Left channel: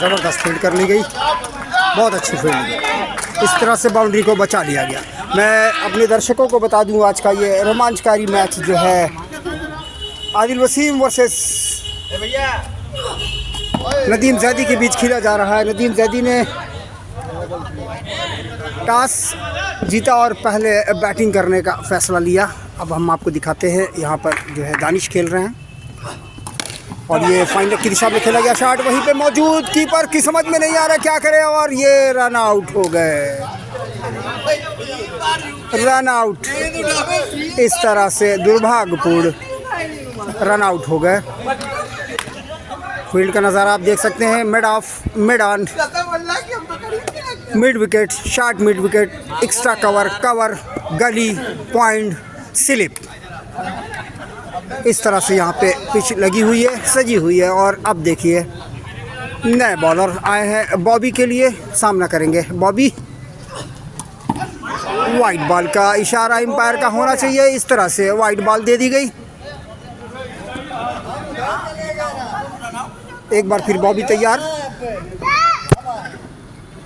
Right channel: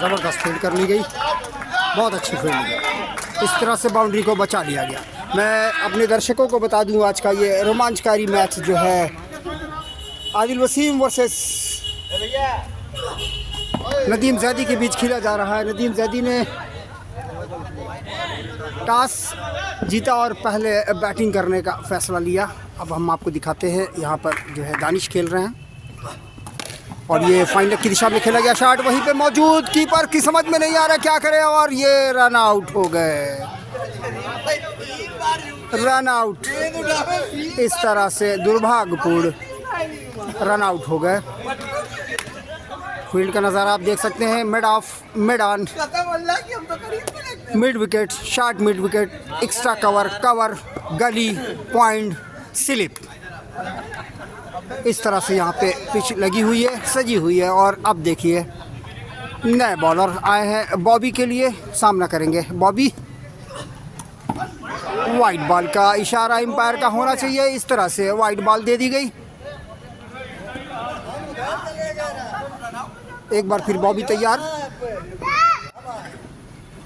ज़बरदस्त फील्ड कर ली गई, बहुत अच्छी फील्ड। इस तरह से बाउंड्री को बचा लिया गया। मैं अपने दर्शकों को बता दूं, आज का ये रोमांचकारी मैच जो है आदिल वसीम वर्सेस नदीम जैदी के बीच खेला जा रहा है। नदीम जैदी ने टॉस जीता और पहले बैटिंग करने का फैसला लिया। अब हम आपको दिखाते हैं, यहाँ पर जो है दानिश खेल रहे हैं और ये फाइनल की दिशा में खेला गया शॉट, वहीं पे मौजूद कीपर की समझ में नहीं आ रहा क्या करे और ये रन आउट हो गए। रन आउट, इस तरह से दुर्भाग्यपूर्ण रन आउट हो गए। फील्ड का नज़ारा आप देख सकते हैं, mid of, mid on, mid wicket, short mid wicket, extra cover, cover, गली, पॉइंट, स्लिप। इस तरह से यहाँ पे पिच लगी हुई है, सजी हुई है। और अब देखिए नए बॉलर आए हैं बॉबी के लिए, सामना करेंगे बॉबी। वाइट बॉल का इशारा एम्पायर का होना चाहिए, इस तरह से वाइट बॉल दे दी गई। एक बार फिर बॉबी तैयार,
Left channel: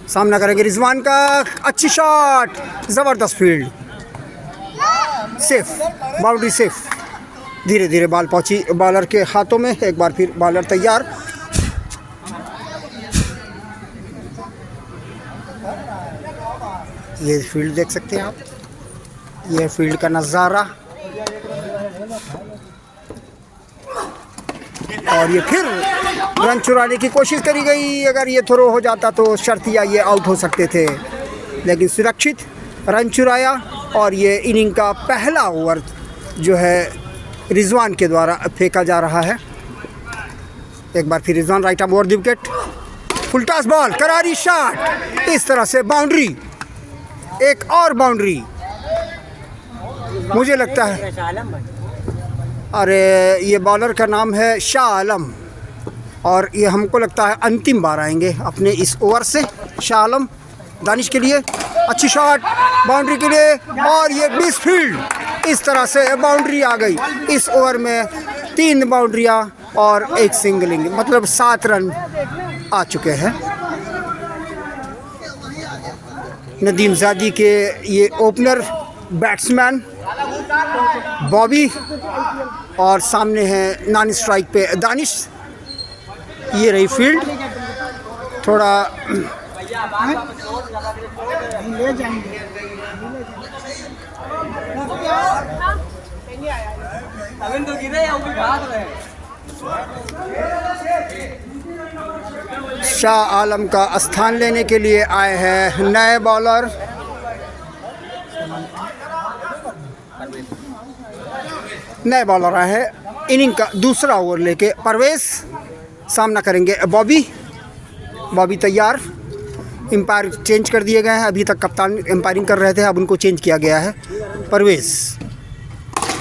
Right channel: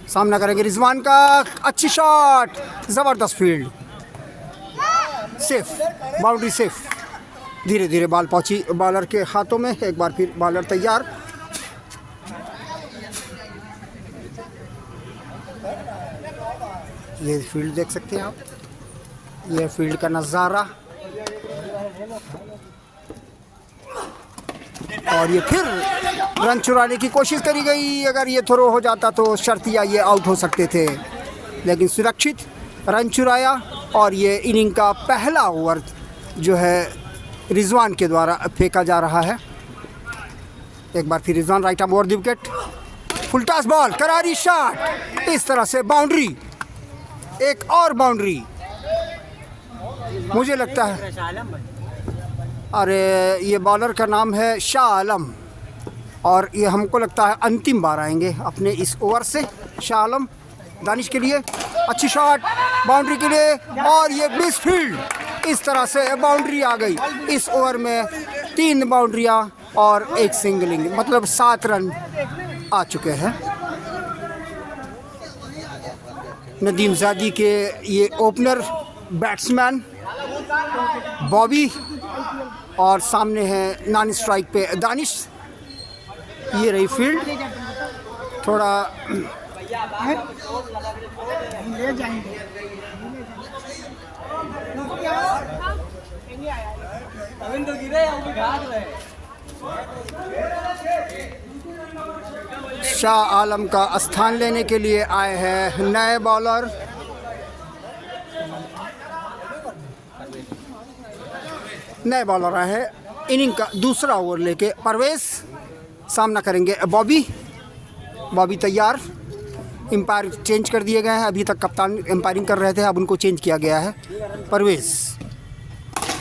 सामना करेंगे रिजवान का। अच्छी शॉट, ज़बरदस्त फील्ड, सेफ, बाउंड्री सेफ। धीरे धीरे बॉल पहुंची बॉलर के हाथों में। एक बार फिर बॉलर तैयार, ये फील्ड देख सकते हैं आप, ये फील्ड का नज़ारा। और ये फिर रन चुराने की कोशिश करी गई। अगर ये थ्रो हो जाता तो शर्तिया ये आउट हो सकते थे, लेकिन सुरक्षित रन चुराया। और ये इनिंग का पहला ओवर जो है रिजवान के द्वारा फेंका जा रहा है। एक बार फिर Rizwan right of over the wicket, full toss ball, करारी शॉट, इस तरह से बाउंड्री, एक और बाउंड्री। मुझे लगता है, अरे ये बॉलर का नाम है शाह आलम और ये हमको लगता है अंतिम बार आएंगे अपने इस ओवर से। शाह आलम दानिश के लिए, अच्छी शॉट बाउंड्री के लिए और ये मिस फील्ड। इस तरह से बाउंड्री आ गई। इस ओवर में 3 बाउंड्रियां और 1 सिंगलिंग, मतलब 7 रन आ चुके हैं। नदीम ज़ैदी के ये ओपनर बैट्समैन बॉबी और सामने है नॉन स्ट्राइक पे दानिश। ये रही फील्ड, थोड़ा ले जाएंगे। शाह आलम का स्थान लेने के लिए आए हैं नए बॉलर। नए बॉलर आए हैं इनिंग का दूसरा ओवर लेके। परवेज सामना करेंगे बॉबी। बॉबी तैयार, एम्पायर चेंज कर दिए गए हैं। अभी तक कप्तान एम्पायरिंग कर रहे थे, अब उनको चेंज किया गया है। परवेज,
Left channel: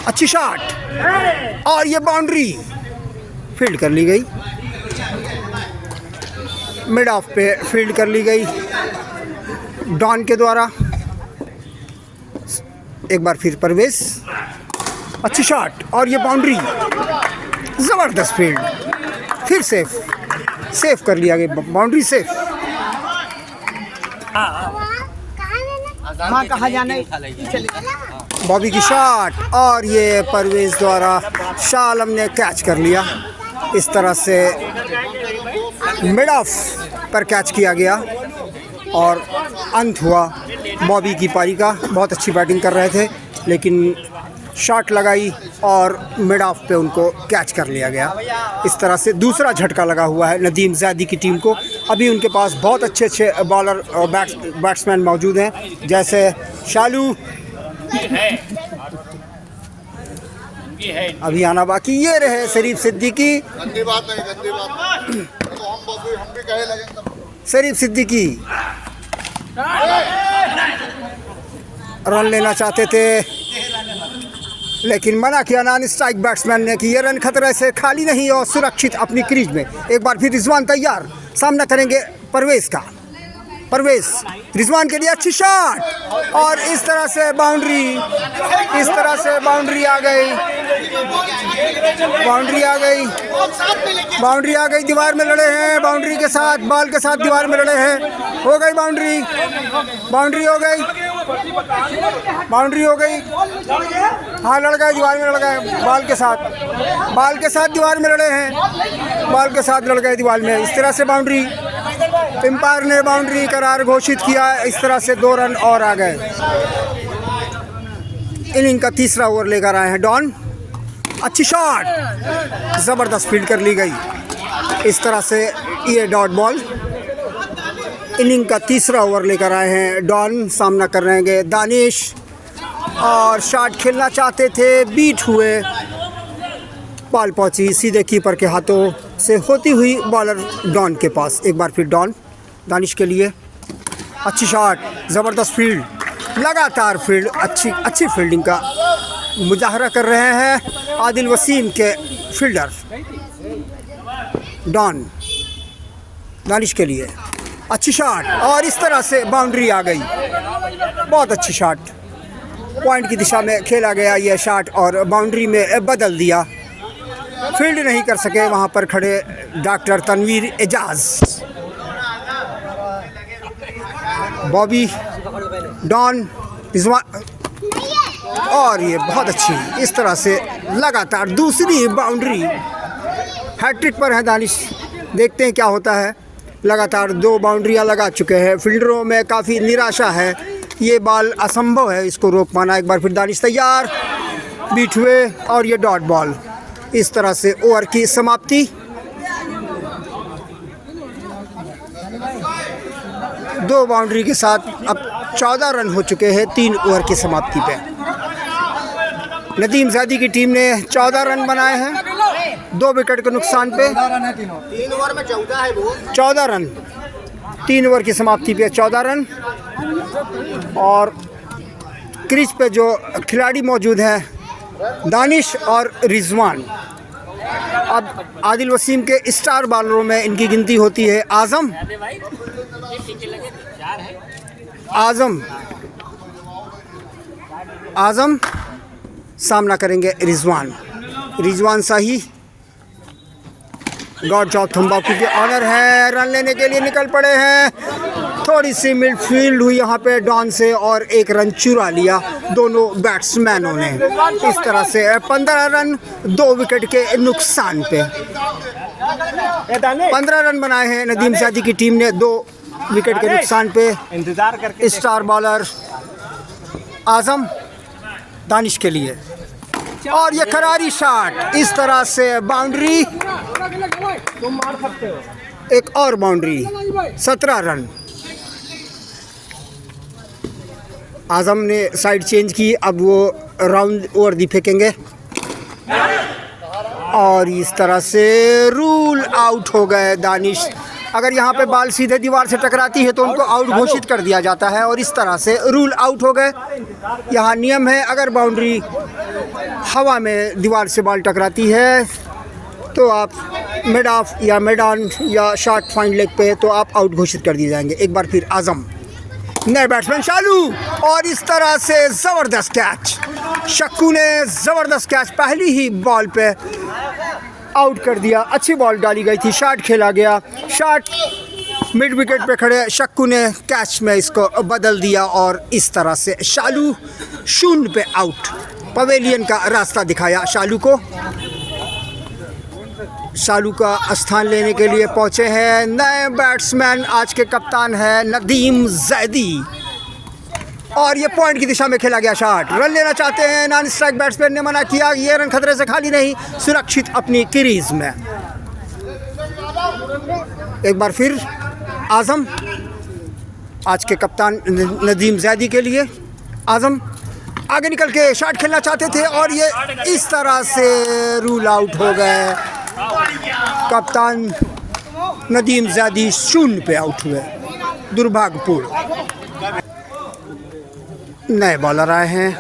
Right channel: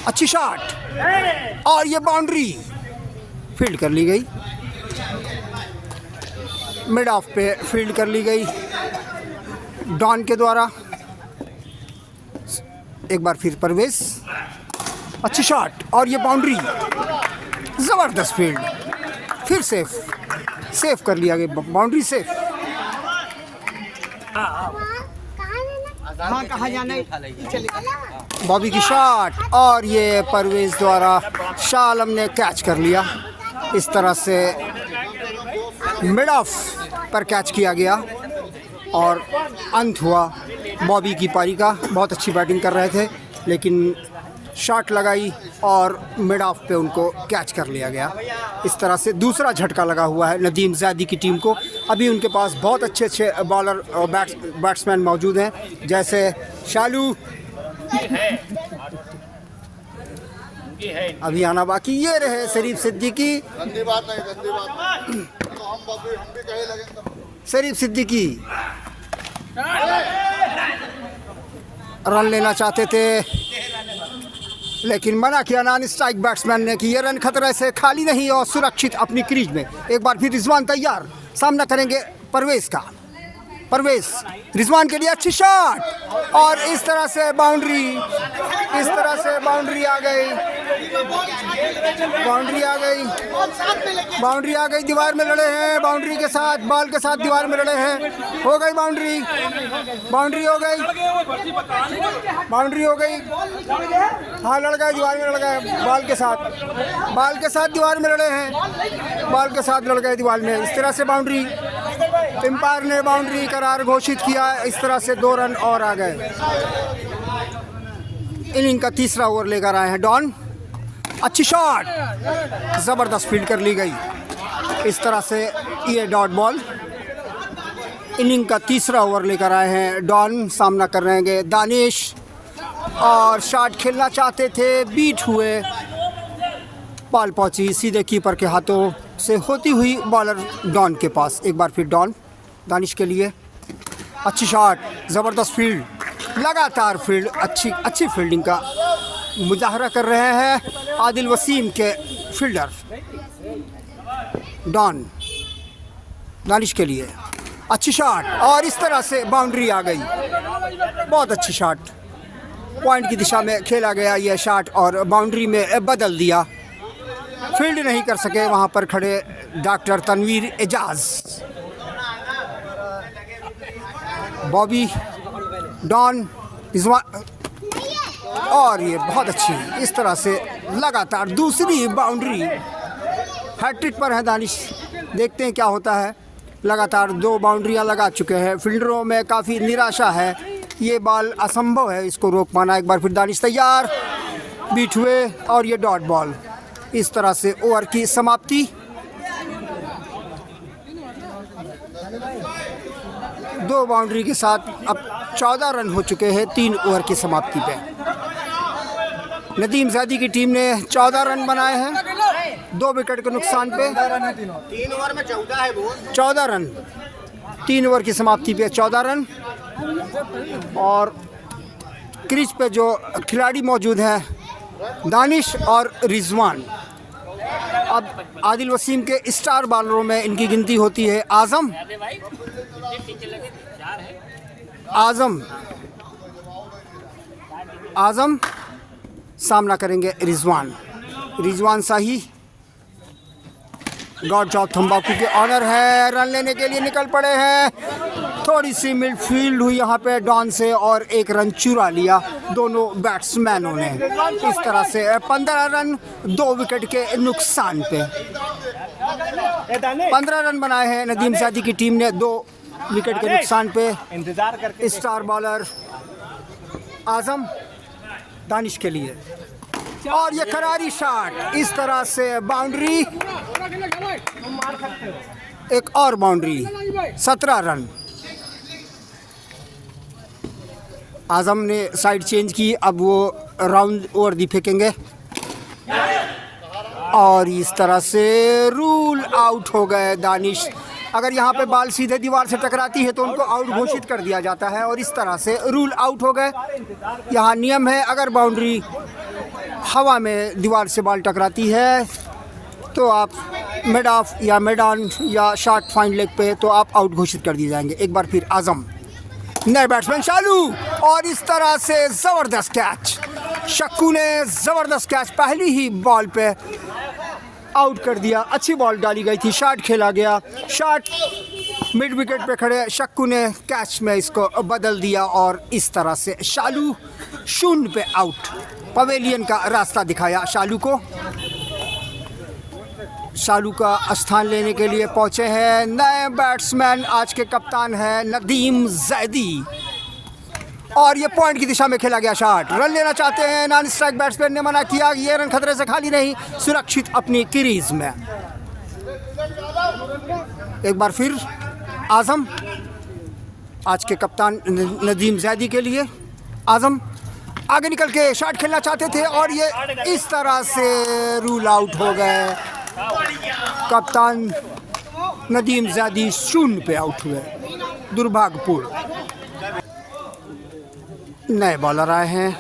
अच्छी शॉट और ये बाउंड्री, फील्ड कर ली गई, मिड ऑफ पे फील्ड कर ली गई डॉन के द्वारा। एक बार फिर परवेज, अच्छी शॉट और ये बाउंड्री, ज़बरदस्त फील्ड, फिर सेफ कर लिया गया, बाउंड्री सेफ। हाँ, कहाँ जाना है? बॉबी की शॉट और ये परवेज द्वारा शाह आलम ने कैच कर लिया। इस तरह से मिड ऑफ पर कैच किया गया और अंत हुआ बॉबी की पारी का। बहुत अच्छी बैटिंग कर रहे थे लेकिन शॉट लगाई और मिड ऑफ पे उनको कैच कर लिया गया। इस तरह से दूसरा झटका लगा हुआ है नदीम ज़ैदी की टीम को। अभी उनके पास बहुत अच्छे बॉलर और बैट्समैन मौजूद हैं, जैसे शालू, अभी आना बाकी। ये रहे शरीफ सिद्दीकी, शरीफ सिद्दीकी रन लेना चाहते थे लेकिन मना किया नॉन स्ट्राइक बैट्समैन ने कि ये रन खतरे से खाली नहीं और सुरक्षित अपनी क्रीज में। एक बार फिर रिजवान तैयार, सामना करेंगे परवेज का। परवेज, रिजवान के लिए अच्छी शॉट और इस तरह से बाउंड्री, इस तरह से बाउंड्री आ गई, बाउंड्री आ गई, बाउंड्री आ गई। दीवार में लड़े हैं, बाउंड्री के साथ, बॉल के साथ दीवार में लड़े हैं। हो गई बाउंड्री, बाउंड्री हो गई, बाउंड्री हो गई। हाँ, लड़ गए, दीवार में लड़ गए, बॉल के साथ, बॉल के साथ दीवार में लड़े हैं, बॉल के साथ लड़ गए दीवार में। इस तरह से बाउंड्री, एम्पायर ने बाउंड्री करार घोषित किया। इस तरह से 2 रन और आ गए। इनिंग का तीसरा ओवर लेकर आए हैं डॉन। अच्छी शॉट, ज़बरदस्त फील्ड कर ली गई। इस तरह से ये डॉट बॉल। इनिंग का तीसरा ओवर लेकर आए हैं डॉन। सामना कर रहे हैं दानिश और शॉट खेलना चाहते थे, बीट हुए, बॉल पहुंची सीधे कीपर के हाथों से होती हुई बॉलर डॉन के पास। एक बार फिर डॉन, दानिश के लिए अच्छी शॉट, ज़बरदस्त फील्ड, लगातार फील्ड, अच्छी फील्डिंग का मुजाहरा कर रहे हैं आदिल वसीम के फील्डर। डॉन, दानिश के लिए अच्छी शॉट और इस तरह से बाउंड्री आ गई। बहुत अच्छी शॉट, पॉइंट की दिशा में खेला गया यह शॉट और बाउंड्री में बदल दिया। फील्ड नहीं कर सके वहाँ पर खड़े डॉक्टर तनवीर एजाज। बॉबी, डॉन, रिजवान और ये बहुत अच्छी, इस तरह से लगातार दूसरी बाउंड्री। हैट्रिक पर है दानिश, देखते हैं क्या होता है। लगातार 2 बाउंड्रियां लगा चुके हैं। फील्डरों में काफ़ी निराशा है, ये बॉल असंभव है इसको रोक पाना। एक बार फिर दानिश तैयार, बीट हुए और ये डॉट बॉल। इस तरह से ओवर की समाप्ति। 2 बाउंड्री के साथ अब 14 रन हो चुके हैं 3 ओवर की समाप्ति पे। नदीम ज़ैदी की टीम ने 14 रन बनाए हैं 2 विकेट के नुकसान पे। 3 ओवर में 14 है वो। 14 रन 3 ओवर की समाप्ति पे 14 रन। और क्रीज पे जो खिलाड़ी मौजूद हैं दानिश और रिजवान। अब आदिल वसीम के स्टार बॉलरों में इनकी गिनती होती है आज़म, आज़म सामना करेंगे रिजवान शाही। गॉड चौथ तंबाकू के ऑनर है, रन लेने के लिए निकल पड़े हैं। थोड़ी सी मिडफील्ड हुई यहाँ पे डॉन से और 1 रन चुरा लिया दोनों बैट्समैनों ने। इस तरह से 15 रन 2 विकेट के नुकसान पे। 15 रन बनाए हैं नदीम ज़ैदी की टीम ने 2 विकेट के नुकसान पे। स्टार बॉलर आज़म दानिश के लिए और ये करारी शॉट, इस तरह से बाउंड्री, तुम मार सकते हो। एक और बाउंड्री, 17 रन। आज़म ने साइड चेंज की, अब वो राउंड ओवर दी फेंकेंगे और इस तरह से रूल आउट हो गए दानिश। अगर यहाँ पे बॉल सीधे दीवार से टकराती है तो उनको आउट घोषित कर दिया जाता है और इस तरह से रूल आउट हो गए। यहाँ नियम है, अगर बाउंड्री हवा में दीवार से बॉल टकराती है तो आप मिड ऑफ या मिड ऑन या शॉर्ट फाइन लेग पे तो आप आउट घोषित कर दिए जाएंगे। एक बार फिर आज़म, नए बैट्समैन शालू और इस तरह से ज़बरदस्त कैच। शक्कू ने ज़बरदस्त कैच पहली ही बॉल पे आउट कर दिया। अच्छी बॉल डाली गई थी, शॉट खेला गया, शॉट मिड विकेट पे खड़े शक्कू ने कैच में इसको बदल दिया और इस तरह से शालू 0 पे आउट। पवेलियन का रास्ता दिखाया शालू को। शालू का स्थान लेने के लिए पहुंचे हैं नए बैट्समैन, आज के कप्तान हैं नदीम ज़ैदी और ये पॉइंट की दिशा में खेला गया शॉट। रन लेना चाहते हैं, नॉन स्ट्राइक बैट्समैन ने मना किया। ये रन खतरे से खाली नहीं, सुरक्षित अपनी क्रीज में। एक बार फिर आज़म, आज के कप्तान नदीम ज़ैदी के लिए आज़म आगे निकल के शॉट खेलना चाहते थे और ये इस तरह से रूल आउट हो गए। कप्तान नदीम ज़ैदी 0 पे आउट हुए, दुर्भाग्यपूर्ण। नए बॉलर आए हैं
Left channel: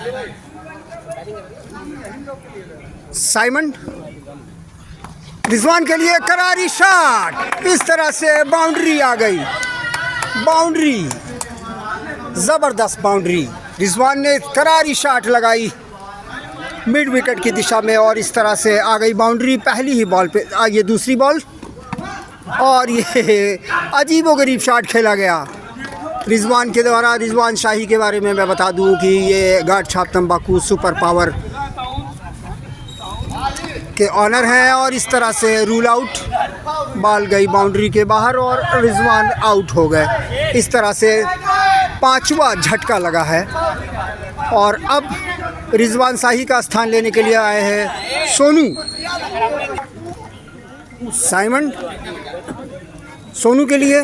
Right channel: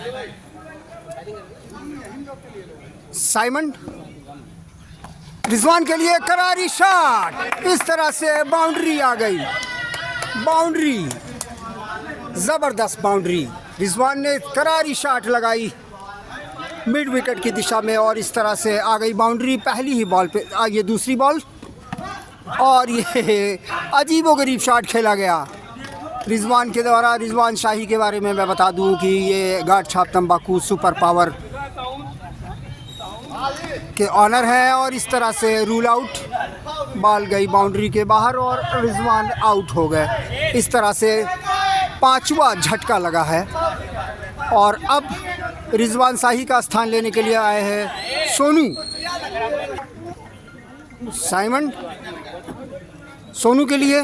साइमन। रिजवान के लिए करारी शॉट, इस तरह से बाउंड्री आ गई। बाउंड्री, ज़बरदस्त बाउंड्री। रिजवान ने करारी शॉट लगाई मिड विकेट की दिशा में और इस तरह से आ गई बाउंड्री पहली ही बॉल पे। ये दूसरी बॉल और ये अजीबोगरीब शॉट खेला गया रिजवान के द्वारा। रिजवान शाही के बारे में मैं बता दूं कि ये गाढ़ छाप तंबाकू सुपर पावर के ऑनर हैं और इस तरह से रूल आउट, बॉल गई बाउंड्री के बाहर और रिजवान आउट हो गए। इस तरह से 5वां झटका लगा है और अब रिजवान शाही का स्थान लेने के लिए आए हैं सोनू। साइमन सोनू के लिए,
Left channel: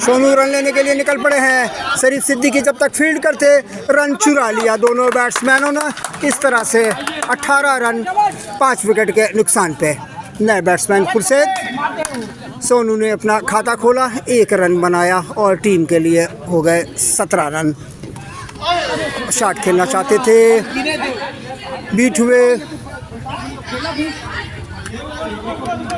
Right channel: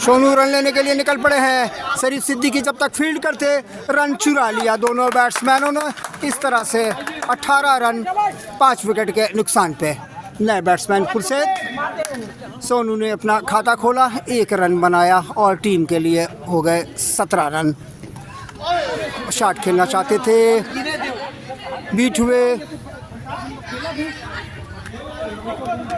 सोनू रन लेने के लिए निकल पड़े हैं। शरीफ सिद्दीकी जब तक फील्ड करते रन चुरा लिया दोनों बैट्समैनों ने। इस तरह से 18 रन 5 विकेट के नुकसान पे। नए बैट्समैन खुर्शीद, सोनू ने अपना खाता खोला, 1 रन बनाया और टीम के लिए हो गए 17 रन। शॉट खेलना चाहते थे, बीट हुए,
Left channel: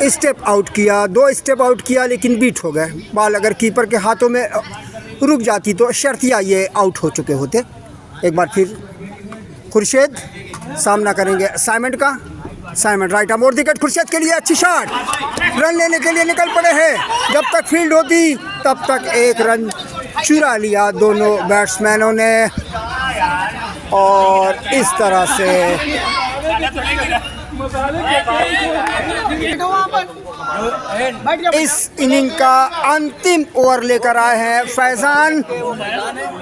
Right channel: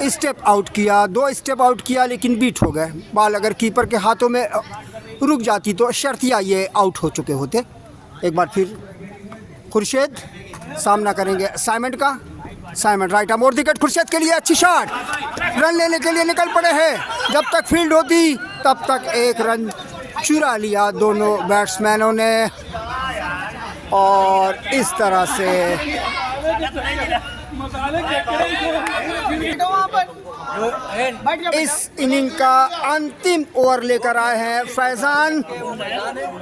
स्टेप आउट किया, 2 स्टेप आउट किया लेकिन बीट हो गए। बॉल अगर कीपर के हाथों में रुक जाती तो शर्तिया ये आउट हो चुके होते। एक बार फिर खुर्शीद सामना करेंगे साइमन का। Simon right arm over wicket Khurshid के लिए, अच्छी शॉट, रन लेने के लिए निकल पड़े हैं। जब तक फील्ड होती तब तक 1 रन चुरा लिया दोनों बैट्समैनों ने और इस तरह से इस इनिंग का अंतिम ओवर लेकर आए हैं फैजान।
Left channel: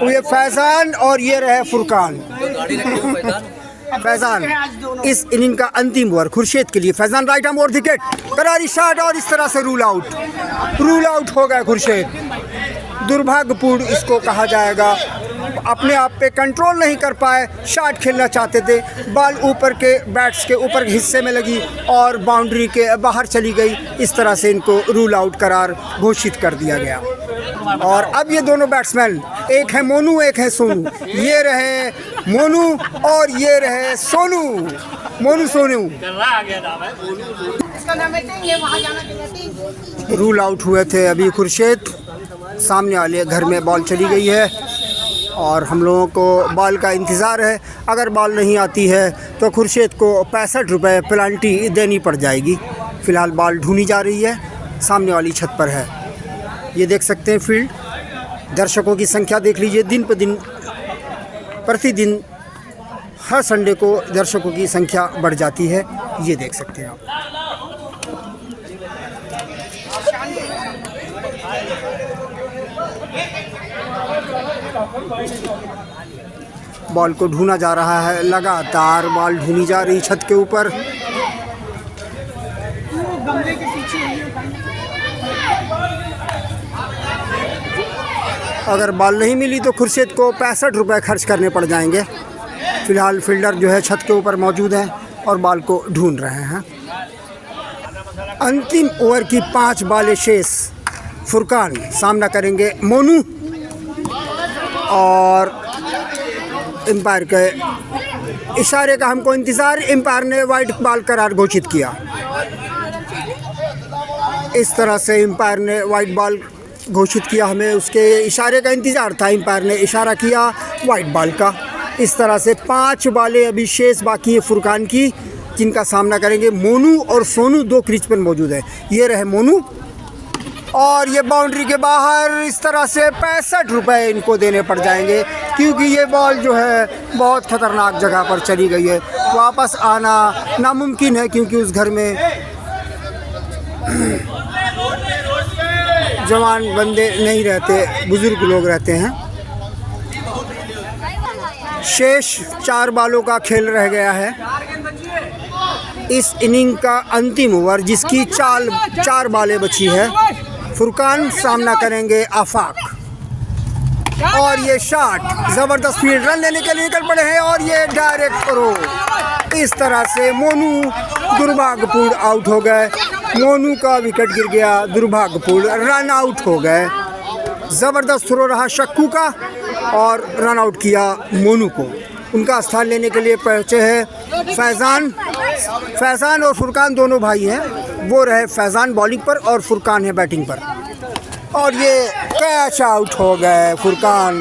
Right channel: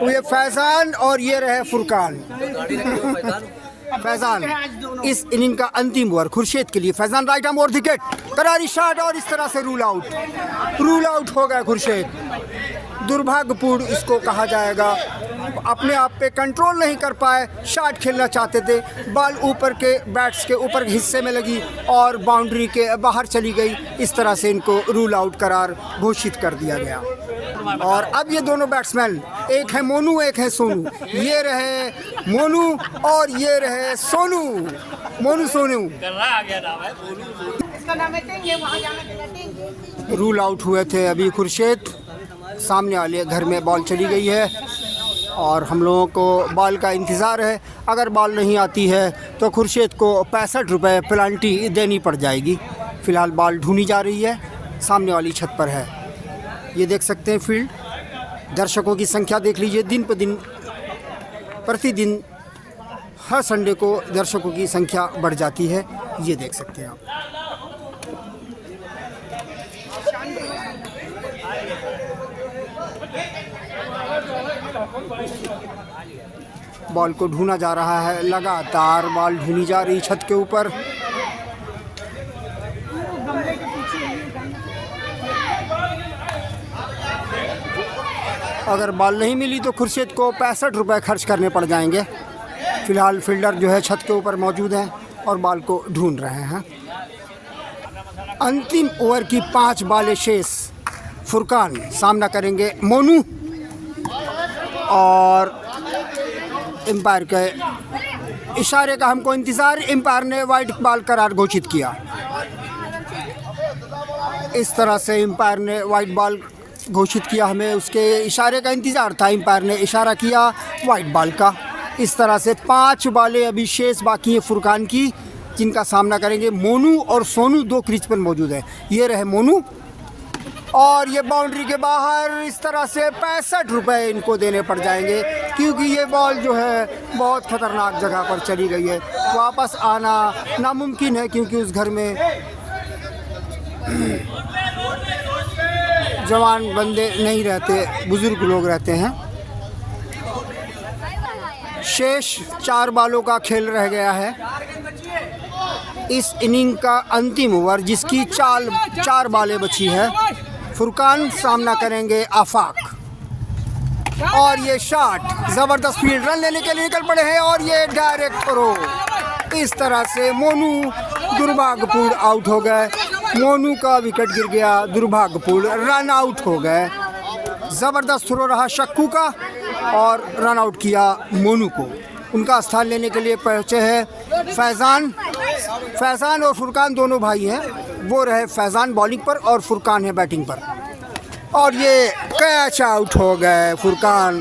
ये फैजान और ये रहे फुरकान। फैजान इस इनिंग का अंतिम ओवर खुर्शीद के लिए। Faizan right arm over wicket, करारी शॉट और इस तरह से रूल आउट हो गया खुर्शीद। दुर्भाग्यपूर्ण इसको कहा जाएगा, अपने आप पे कंट्रोल नहीं कर पाए। शॉट खेलना चाहते थे, बॉल ऊपर के बैट्स के ऊपर हिस्से में लगी और बाउंड्री के बाहर चली गई। इस तरह से इनको रूल आउट करार घोषित कर दिया गया। और अब ये दोनों बैट्समैन, एक है मोनू एक है सोनू। ये रहे मोनू और ये रहे सोनू। मोनू सोनू रूल आउट हुए थे अभी खुर्शीद। सामने वाले घर में बॉल चली गई है और हम लोगों को बॉल का इंतज़ार है। अगर बॉल नहीं आती है तो खुर्शीद को 65 रुपये पेनल्टी देनी पड़ जाएगी। फ़िलहाल बॉल ढूंढी जा रही है, सामने वाली छत पर है। ये देख सकते हैं फील्ड, दर्शकों की संख्या देख लीजिए। दिन पर दिन, प्रतिदिन, हर संडे को दर्शकों की संख्या बढ़ जाती है। ये देख सकते हैं आप। बॉल को ढूंढा जा रहा है, लगातार बॉल ढूंढी जा रही छत के ऊपर। अगर बॉल नहीं मिली तो खुर्शीद को 65 रुपये खर्च करने पड़ जाएंगे। फिलहाल फील्डर जो है छत के ऊपर मौजूद है और बॉल को ढूंढ रहे हैं। अंतिम ओवर की 5 बॉलें शेष। फुरकान सामना करेंगे मोनू और एम्पायर के इशारे का हमको इंतज़ार। एम्पायर ने वाइड बॉल करार घोषित किया। इस तरह से एम्पायर ने वाइड बॉल घोषित किया, हमें उसके इशारे का इंतज़ार था। एम्पायर ने इशारा किया वाइड बॉल का। इस तरह से 5 बॉलें अभी शेष बाकी है फुरकान की, जिनका सामना करेंगे मोनू और सोनू। 2 क्रीज पर मौजूद है। ये रहे मोनू और ये बाउंड्री के बाहर। इस तरह से 65 रुपये इनको देने पड़ जाएंगे क्योंकि ये बॉल जो है बहुत ख़तरनाक जगह पर चली गई है। वापस आना नामुमकिन है क्योंकि उस घर में जवान बंदे नहीं रहते, बुज़ुर्ग लोग रहते हैं। शेष 4 बॉलों का खेल रह गया है। इस इनिंग का अंतिम ओवर जिसकी 4 बॉलें बची है। फुरकान सामना करेंगे आफाक और ये शॉट, ज़बरदस्त फील्ड, रन लेने के लिए निकल पड़े हैं और ये डायरेक्ट थ्रो। इस तरह से मोनू दुर्भाग्यपूर्ण आउट हो गए। मोनू का विकेट गिर गया, दुर्भाग्यपूर्ण रन आउट हो गए। ज़बरदस्त थ्रो रहा शक्कू का और रन आउट किया मोनू को। उनका स्थान लेने के लिए पहुँचे हैं फैज़ान और फुरकान, दोनों भाई हैं। वो रहे फैज़ान बॉलिंग पर और फुरकान है बैटिंग पर। और ये कैच आउट हो गए फुरकान।